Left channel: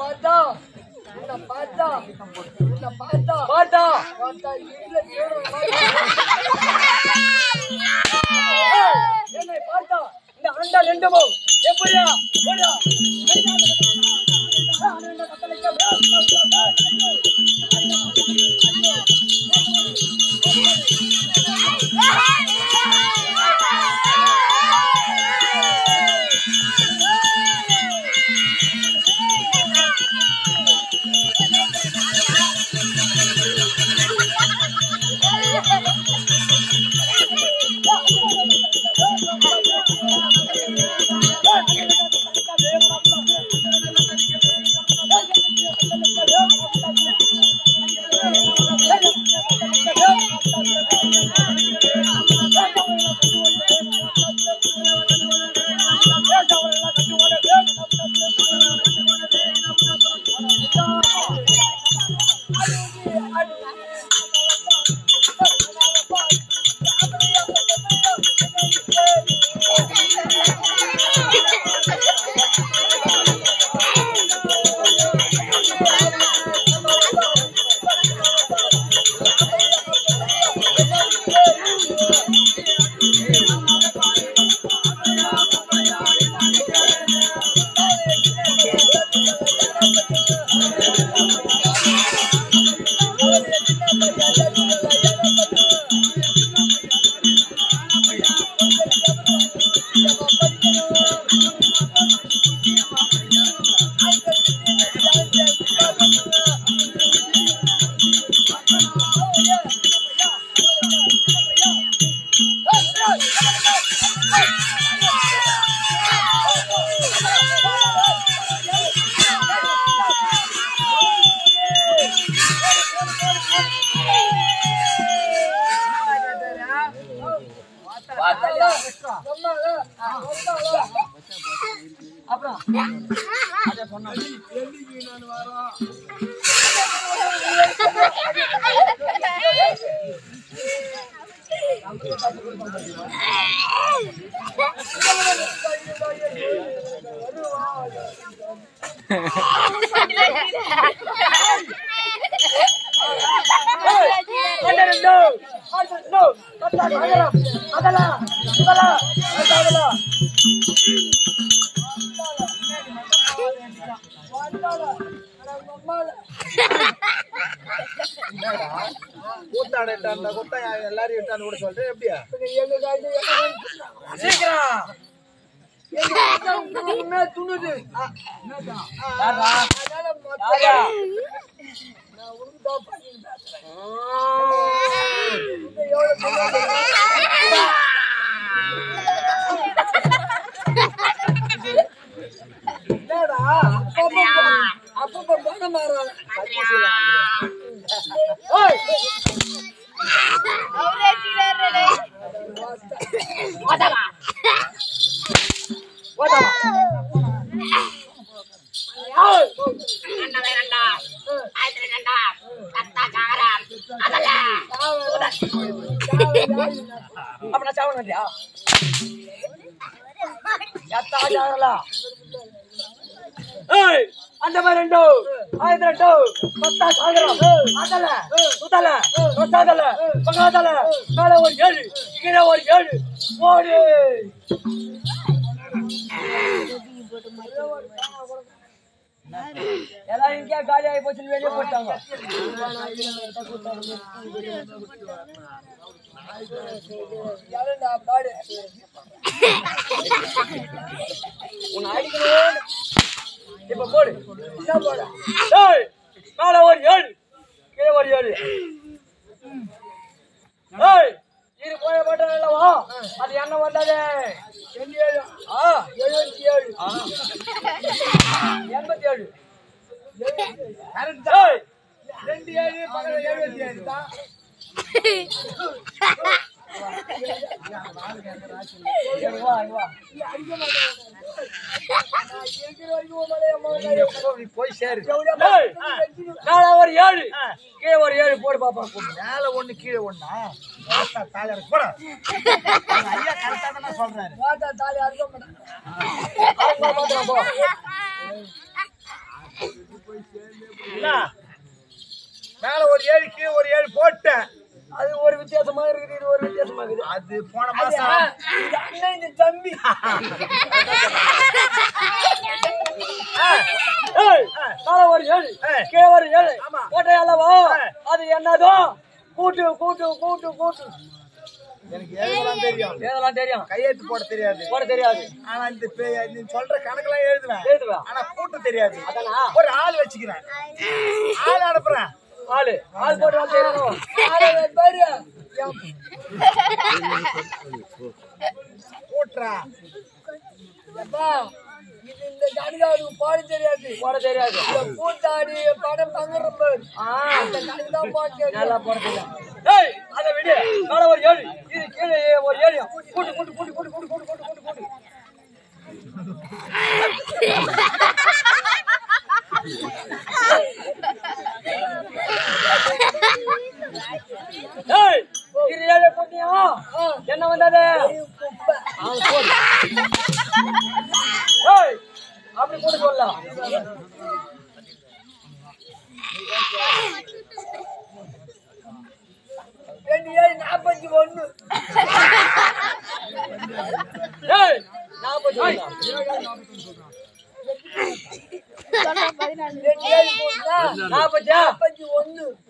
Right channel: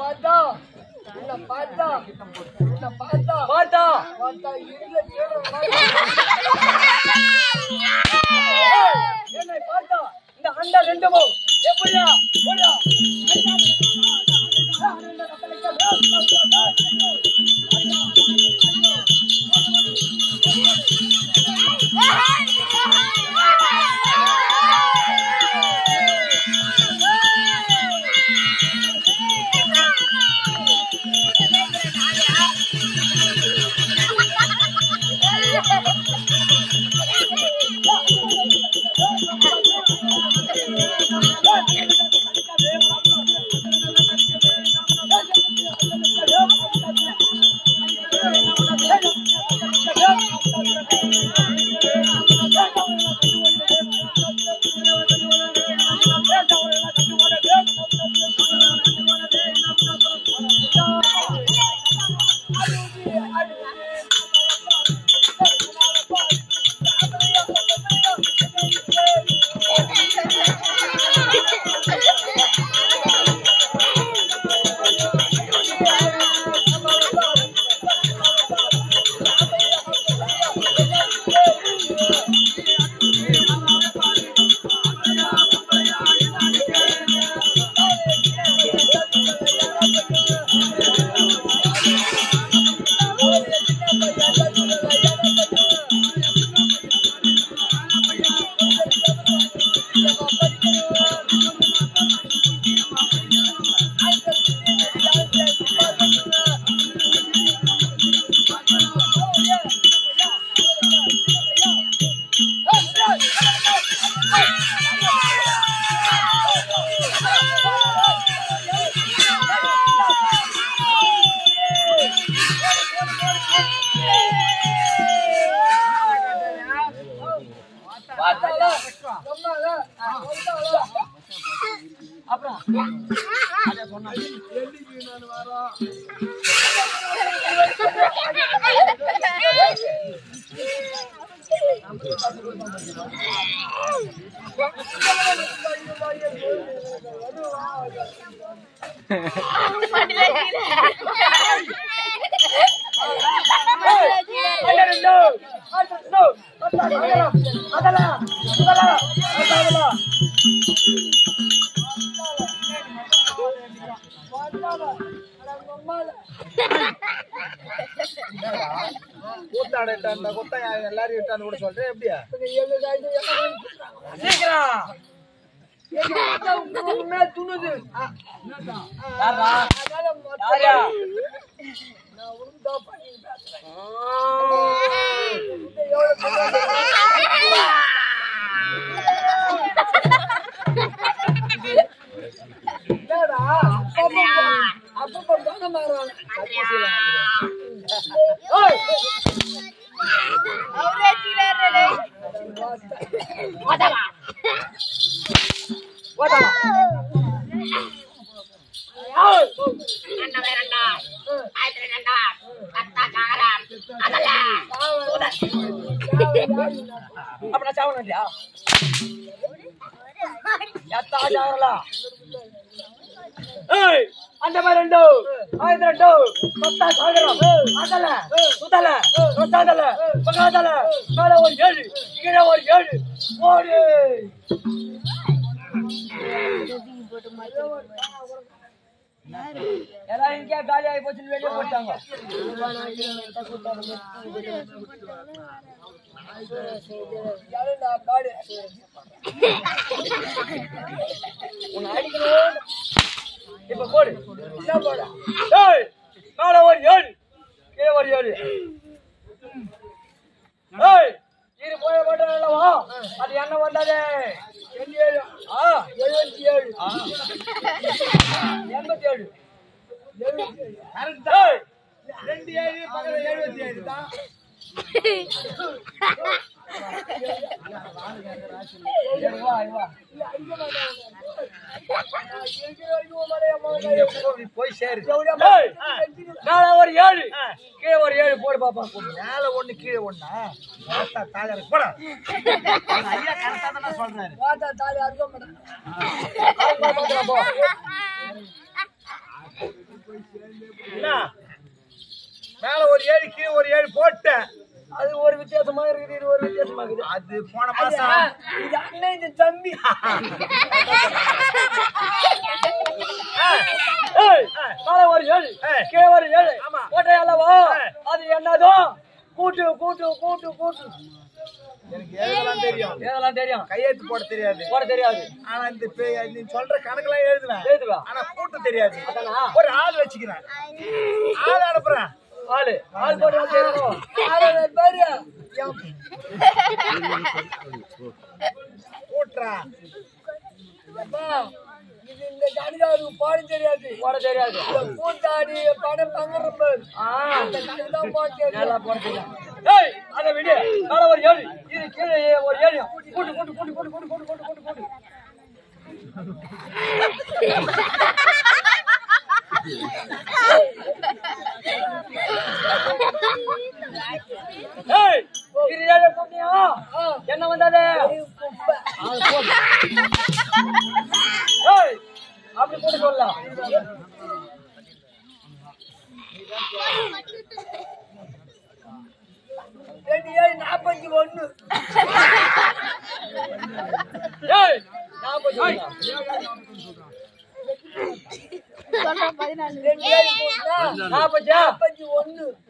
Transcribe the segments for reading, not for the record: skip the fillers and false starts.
பாத்தா என்னை பார்த்தா இந்த அண்டா ரெண்டுமோ எப்படியா அப்புறம் அத சொன்னா எல்லிக்கு நான் வரோம் எல்லாரும் விட்டான்னு கூட சொல்றேன் எப்படியா சீக்கிரம் துணுது அப்ப பண்ண மாறாங்க அப்ப சாவணும் இல்லையா அந்த மாதிரி ரெண்டு ஆயிரத்தி ரெண்டு பத்தா சாகரம் அதல சுதல ரொசாதல பகாதல மேல ஒரு 7 கீழே ஒரு 7 ஓடு எல்லாம் இங்கே காலி ஆகி போச்சு வெளியே போட்டாங்க உன்னை அடிக்கணும் இப்ப போடு என்ன போட மேல ஒரு 7 கீழே ஒரு 7 இரு போய போட்டா நல்லவா அது என்ன வந்தாதே 77 77 87 கரெக்டா 27 பக்கத்துல 77 தான் போய் சேரு மேல ஒரு 7 கீழே ஒரு 7 போடு பாப்பா மேல 1 கீழே 1 தாலி இருக்கு போட ஐயா கரெக்டா தான் சொல்றாரு தாலி அறுக்க மாட்டேன் மேல ஒரு 7 கீழே ஒரு 7 போட்டேன். அது ஒரு வித்தியாசமா இருக்குது, இது ஒரு வித்தியாசமா இருக்குது. அது போன மாசம் இது அண்ணன் இது தம்பி. மேல ஒரு 7 கீழே ஒரு 7 போட்டே அல்லவா? அது என்னதோ கூட்டு கூட்டு கூட்டு கூட்டு. எனக்கு எழுதலாம் தெரியும், எழுதலாம் தெரியும், கையெழுத்து போட தெரியாது. ஆனா இந்த நீ சொல்ற கணக்கெல்லாம் எழுதுவேன். ஆனா கூட்டு தெரியாது. அதானா ஒரு ஆள் வச்சுக்கிறேன், ஆள் அனுப்புறேன். ஆள் போட்டு வந்து கூட்டுறா. இது இந்த கணிதாவுக்கு போட தெரியாது. கூட்டாடி பணம் பங்குறப்ப அந்த கணிதான் போட்டு நல்லா போட தெரியும். அதை விட மேல ஒரு 7 இது கீழே ஒரு 7 கூட்டு கூட்டு கூட்டு கூட்டு கூட்டு கூட்டு கூட்டு கூட்டு கூட்டு. என்ன வந்தது அப்படி போட்டு சொல்லலாம்.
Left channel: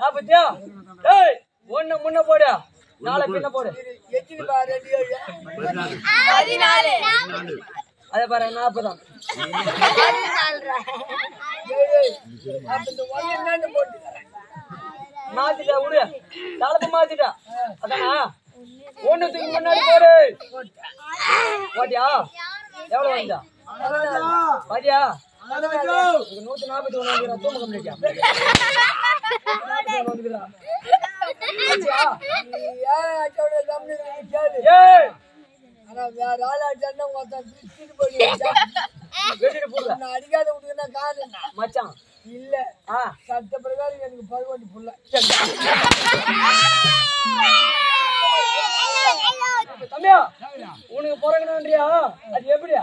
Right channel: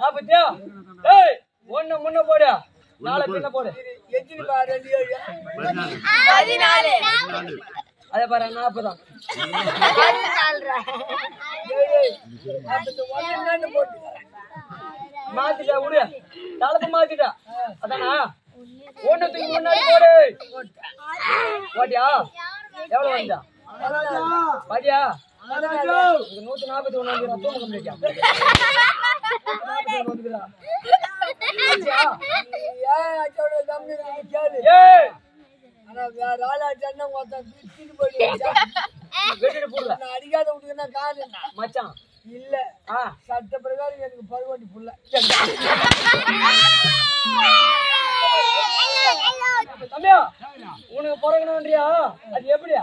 41 ஒண்ணு முன்ன போடு, 4 பின்ன போடு. எத்தனை பாரு? 14. அதே பாரு 40 மாத்திட்டா விடு, தலைப்பு மாத்திட்டா. அதானா ஒண்ணுத்துக்கு முன்னாடி போடு. போட்டியா? எவ்வளவு வந்தா பாத்தியா? 141 வந்து தூங்க முடியா? அடிக்காத விட்டுனா காது மச்சான் இல்ல சட்ட பிரகாரம் எனக்கு பருவண்டி புள்ள. தம்பியா உனக்கு பிறக்கணும்ன்றியா? அது எப்படியா?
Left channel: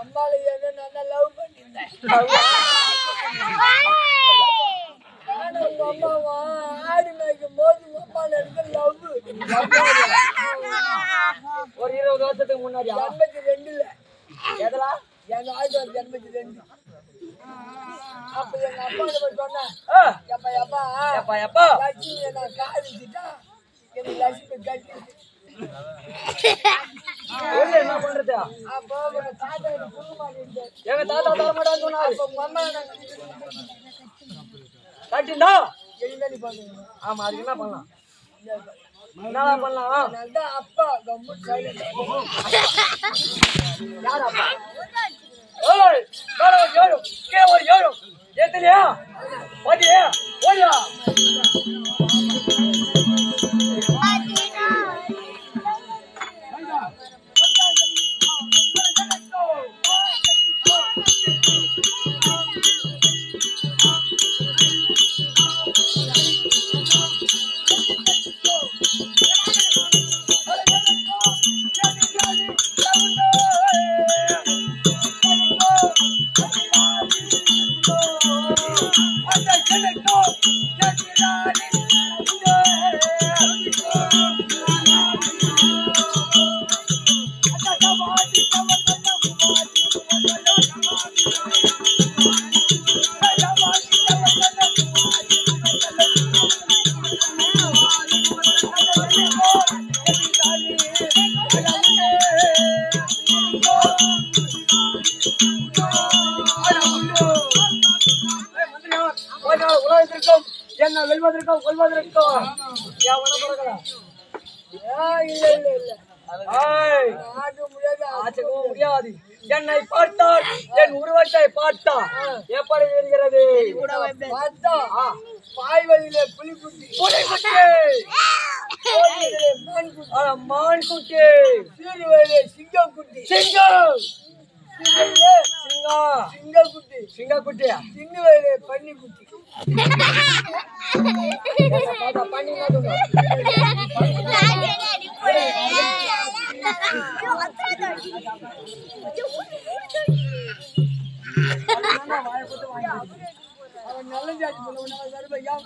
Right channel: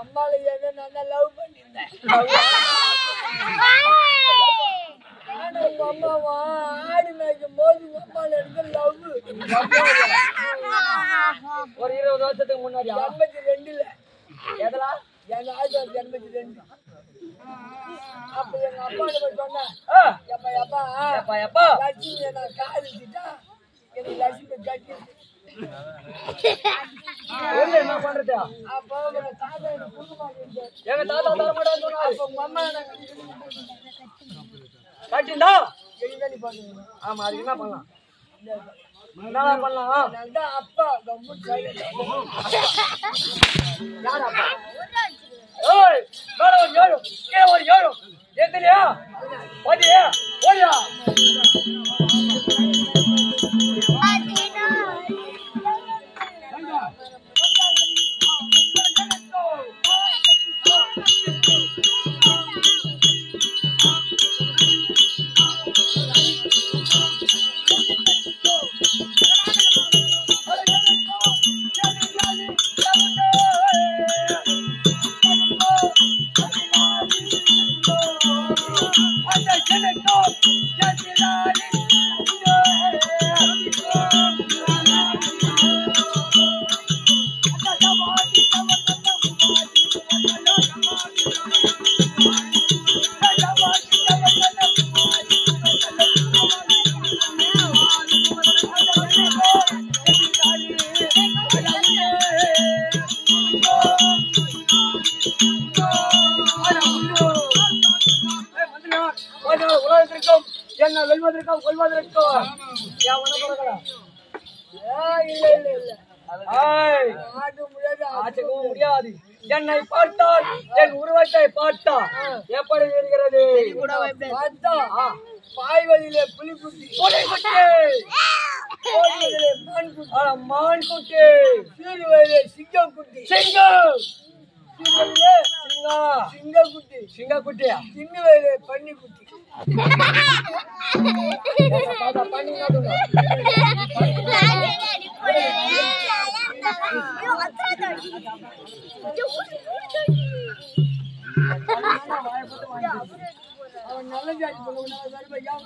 அம்மால என்ன நல்லா லவ் பண்ணிருந்தேன். உங்க அம்மாவா ஆடி மேய்க்கும் போது உங்க அம்மால எனக்கு லவ். ஒரு 20 வருஷத்துக்கு முன்னாடி 82ல எதா எங்க 1982. அப்ப எங்க அப்பா சொன்னேன், எப்பா லட்சுமி நான் காதலிச்சுட்டா எனக்கு லட்சுமி கட்டி என்ன பண்றது? அப்போ தாத்தா எனக்கு புண்ணு மாட்டேன். எங்க தாத்தா தர மாட்டான்னு சொன்னா உங்க அம்மா கட்டிண்டா எளிதானி பாத்துக்கணும். ஆமா, அதுக்கு என்ன பண்ணலாம்? என்ன பண்ணலாம்? அப்பா கம்மு சைலண்ட். யார் அப்பா? ஏய் மேல ஒரு 7 கீழே ஒரு 7 ஏத்தலையா? ஓடியா ஓடியா? உலகத்திற்கும் என்ன வெல்வதற்கும் கொள்வதற்கும் இல்ல இல்ல இல்ல முடியாது. என்னை பார்த்தால் என் உருவத்தை பார்த்தா எப்படி இருக்கிறது? பார்த்தா பாய்வதிலே புலிக்குட்டி, மான் குட்டி, சீருவதிலே சிங்கம் குட்டி, சிங்கக்குட்டி, சிங்கக்குட்டியா, சிங்குவதிலே பன்னி குட்டி. பண்ணி அவன் நல்ல ஜாதி பண்ணுவான் வருபையா